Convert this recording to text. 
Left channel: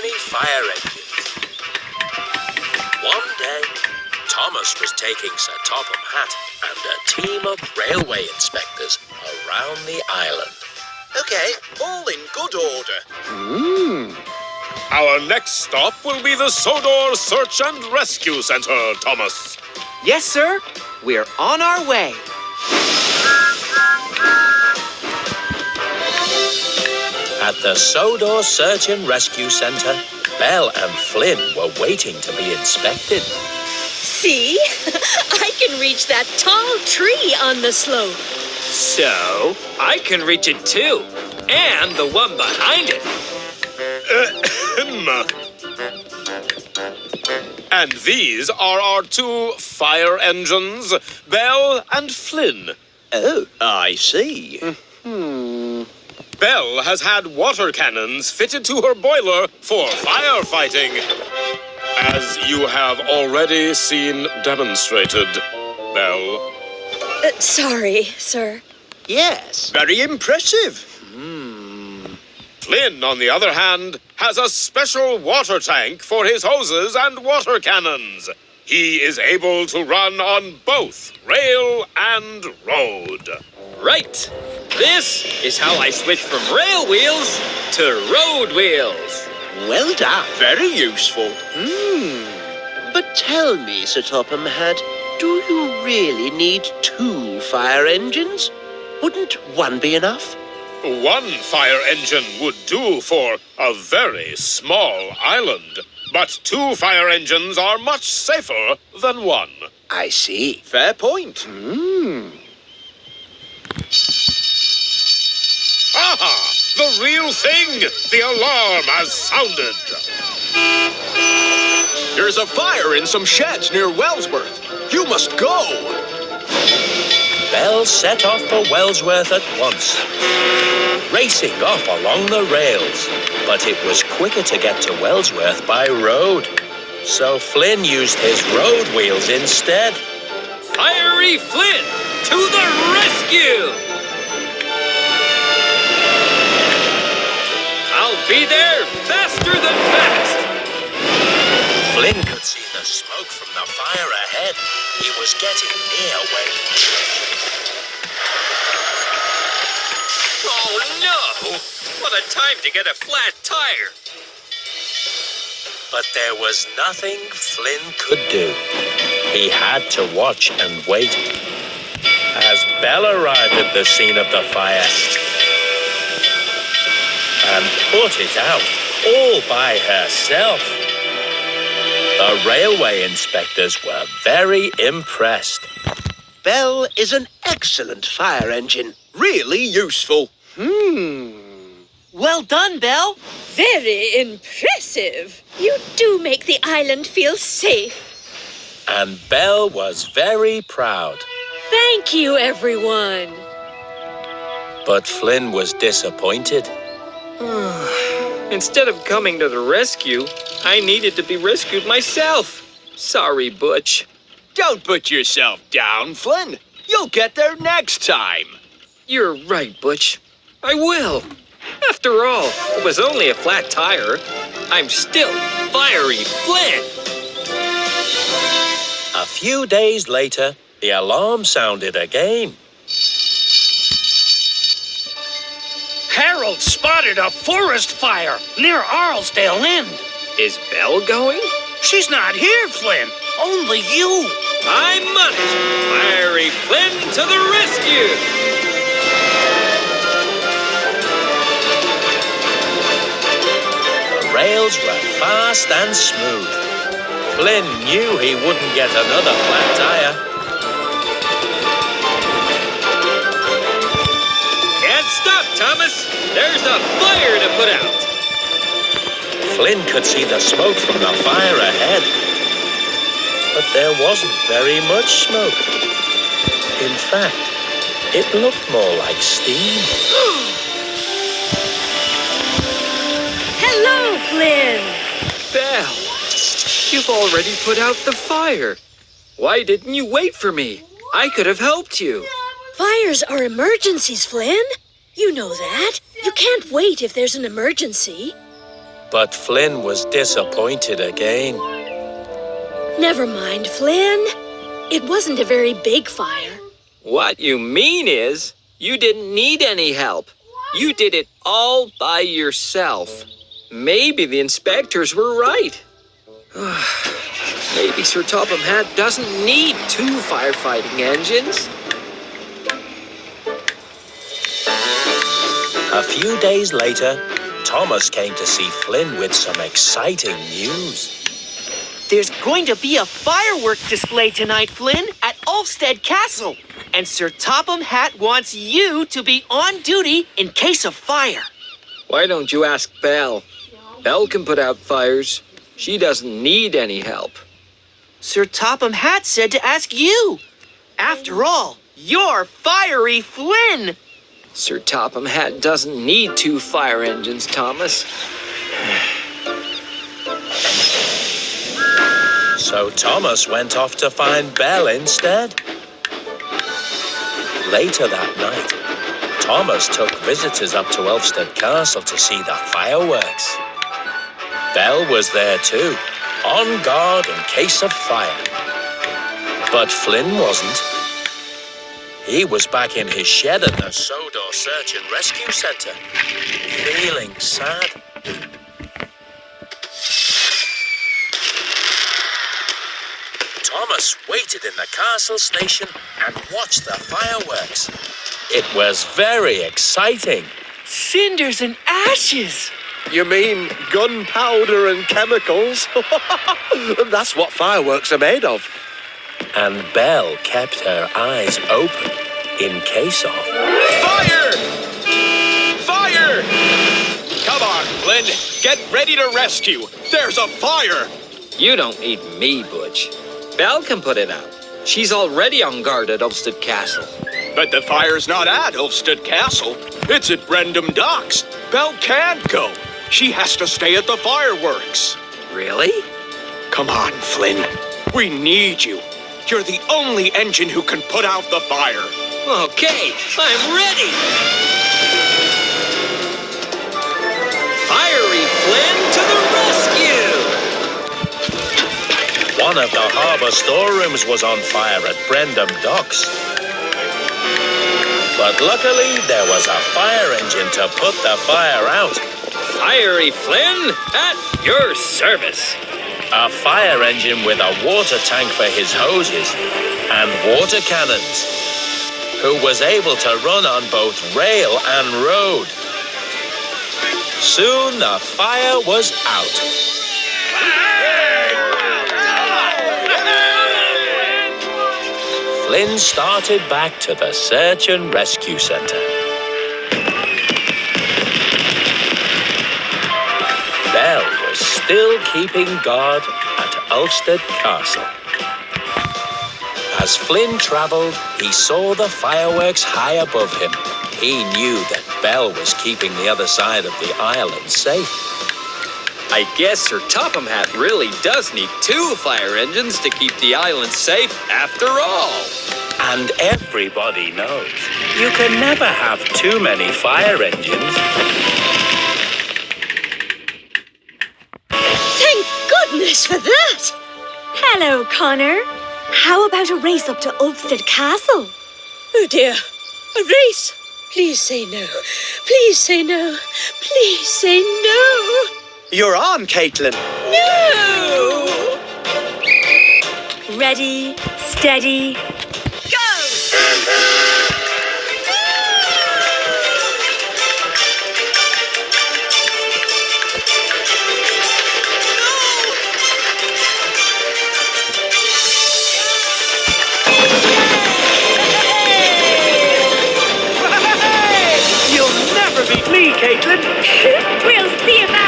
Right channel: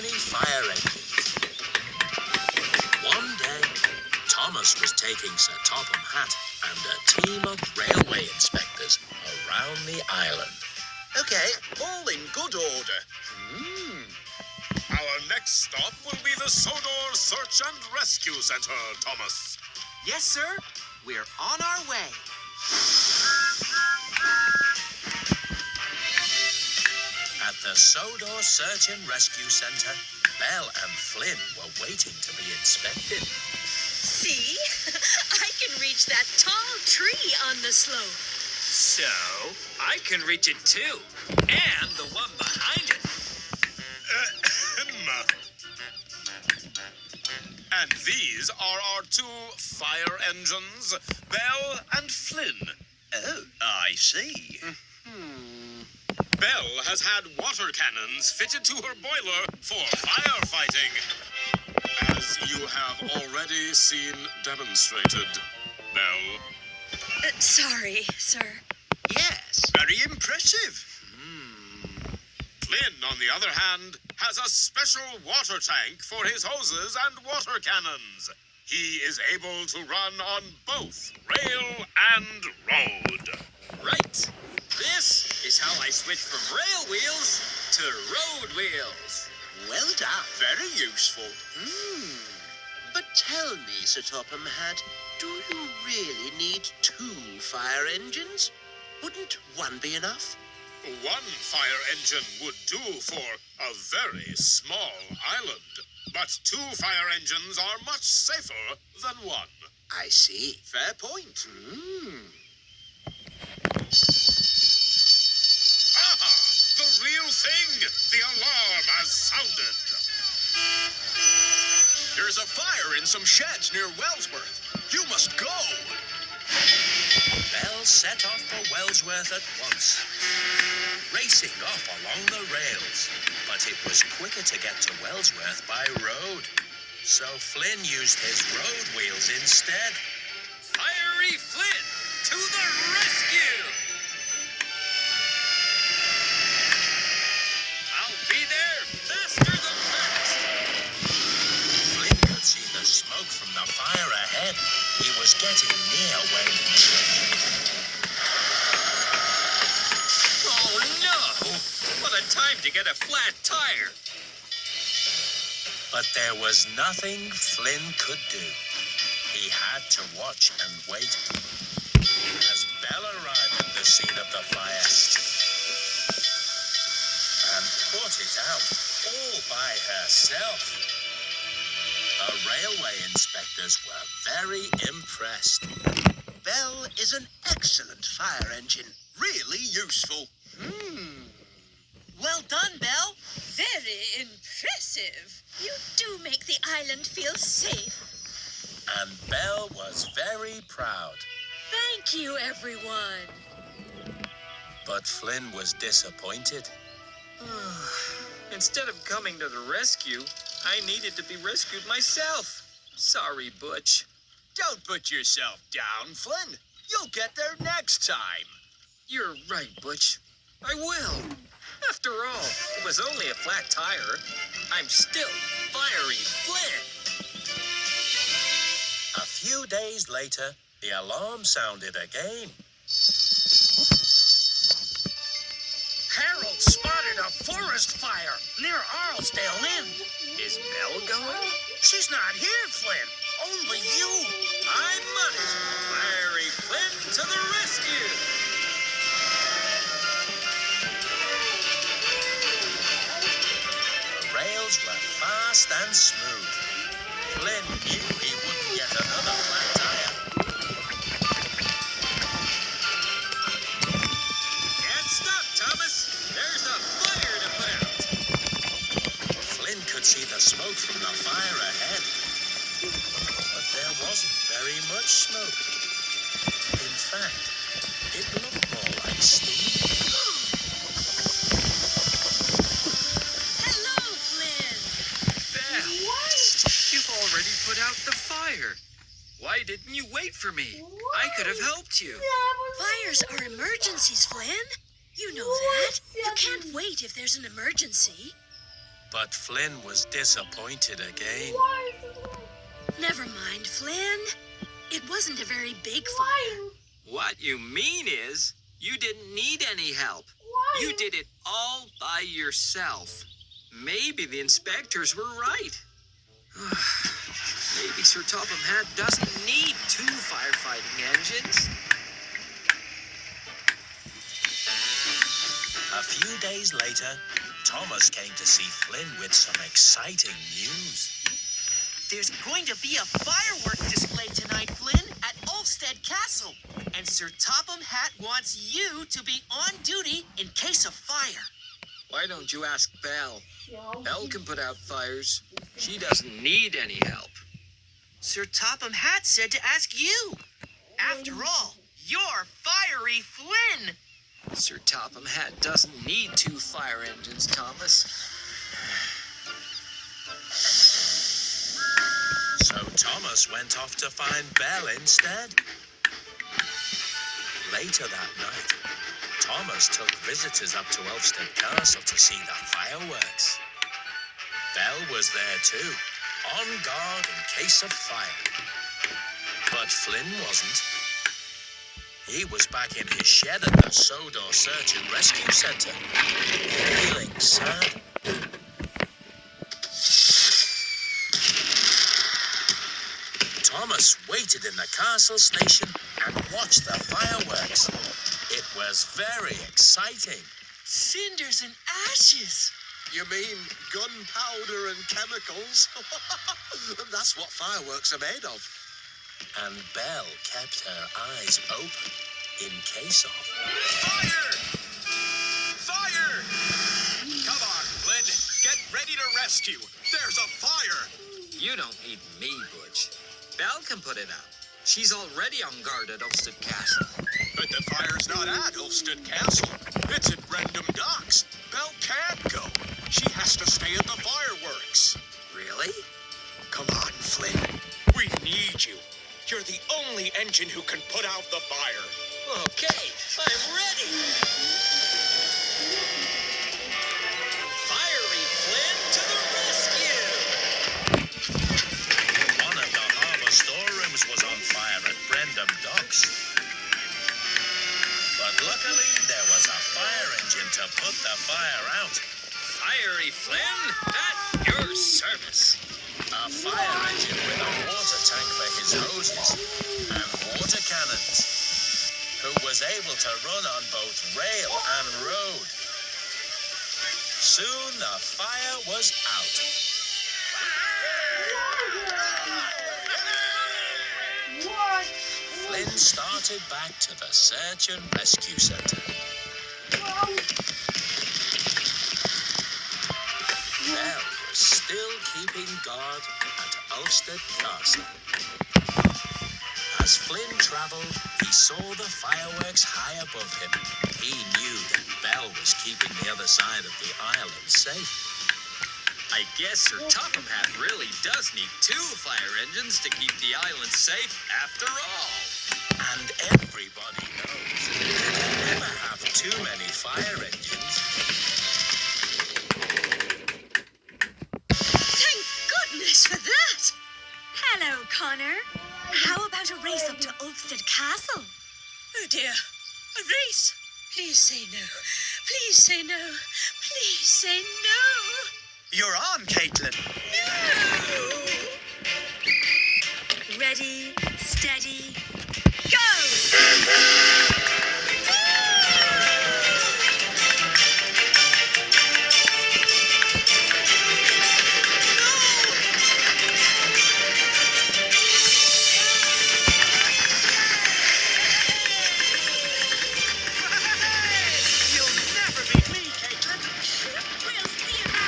many fire engines. One day, Thomas was taking Sir Topham Hatt and a team of railway inspectors around the island. Okay, all in good order. Our next stop will be the Sodor Search and Rescue Center, Thomas. Yes, sir. We're on our way. At the Sodor Search and Rescue Center, Belle and Flynn were waiting to be inspected. See? I can reach that tall tree on the slope. So, I can reach it too. And the one behind it. And these are our two fire engines, Belle and Flynn. Oh, I see. Belle has had water cannons fitted to her boiler for firefighting, as you have already seen demonstrated, Belle. Sorry, sir. Yes, very impressive. Flynn, on the other hand, has a special water tank for his hoses and water cannons. He is able to run on both rail and road. Right. This is how I switch from rail wheels to road wheels. Well done. Very useful. But tell me, Sir Topham Hatt, do you really need two fire engines? Wouldn't one be enough? One fire engine would do for a very small island, but two fire engines are much safer than one. I see. Fair point. Aha! The real thing! The alarm has sounded. There's a fire in some sheds near Wellsworth. You must go. Belle set off for Wellsworth at once, racing off along the rails. But it was quicker to get to Wellsworth by road, so Flynn used his road wheels instead. Fiery Flynn, to the rescue! I'll be there faster than fast. Flynn could see the smoke from the fire ahead. He was getting near when... Oh no! What a time to get a flat tire. But there was nothing Flynn could do. He had to watch and wait. As Belle arrived at the scene of the fire and put it out all by herself, the railway inspectors were very impressed. Belle is an excellent fire engine. Really useful. Well done, Belle. Very impressive. You do make the island feel safe. And Belle was very proud. Thank you, everyone. But Flynn was disappointed. Instead of coming to the rescue, I needed to be rescued myself. Sorry, Butch. Don't put yourself down, Flynn. You'll get there next time. You're right, Butch. I will. After all, it was only a flat tire. I'm still Fiery Flynn. A few days later, the alarm sounded again. Harold spotted a forest fire near Arlesdale End. Is Belle going? She's not here, Flynn. Only you. I'm on it. Fiery Flynn to the rescue. The rails were fast and smooth. Flynn knew he wouldn't get another flat tire. Can't stop, Thomas. There's a fire to put out. Flynn could see the smoke from the fire ahead. But there wasn't very much smoke. In fact, it looked more like steam. Hello, Flynn. Belle, you've already put out the fire. Why didn't you wait for me? I could have helped you. Fires are emergencies, Flynn. You know that. You can't wait if there's an emergency. But Flynn was disappointed again. Never mind, Flynn. It wasn't a very big fire. What you mean is, you didn't need any help. You did it all by yourself. Maybe the inspectors were right. Maybe Sir Topham Hatt doesn't need 2 firefighting engines. A few days later, Thomas came to see Flynn with some exciting news. There's going to be a fireworks display tonight, Flynn, at Ulfstead Castle. And Sir Topham Hatt wants you to be on duty in case of fire. Why don't you ask Belle? Belle can put out fires. She doesn't need any help. Sir Topham Hatt said to ask you. After all, you're Fiery Flynn. Sir Topham Hatt doesn't need 2 fire engines, Thomas. So Thomas went off to find Belle instead. Later that night, Thomas took visitors up to Ulfstead Castle to see the fireworks. Belle was there too, on guard in case of fire. But Flynn wasn't. He was back in his shed at the Sodor Search and Rescue Centre, feeling sad. Thomas waited in the castle station and watched the fireworks. It was very exciting. Cinders and ashes. You mean gunpowder and chemicals? That's what fireworks are made of. And Belle kept her eyes open in case of... Fire! Fire! Come on, Flynn. Get ready to rescue. There's a fire. You don't need me, Butch. Belle can put it out. She's already on guard at Ulfstead Castle. But the fire's not at Ulfstead Castle. It's at Brendam Docks. Belle can't go. She has to stay at the fireworks. Really? Come on, Flynn. We need you. You're the only engine who can put out the fire. Okay, I'm ready. Fiery Flynn to the rescue! One of the harbour storerooms was on fire at Brendam Docks. But luckily, there was a fire engine to put the fire out. Fiery Flynn, at your service. A fire engine with a water tank for his hoses and water cannons, who was able to run on both rail and road. Soon the fire was out. Flynn started back to the Search and Rescue Centre. Belle was still keeping guard at Ulfstead Castle. As Flynn travelled, he saw the fireworks high above him. He knew that Belle was keeping the other side of the island safe. I guess Sir Topham Hatt really does need 2 fire engines to keep the island safe after all. And everybody knows you can never have too many fire engines. Thank goodness for that! Hello, Connor. How about a race up to Ulfstead Castle? Oh dear, a race? Please say no. Please say no. Please say no. You're on, Caitlin. No! Ready, steady, go! You'll never beat me, Caitlin. We'll see about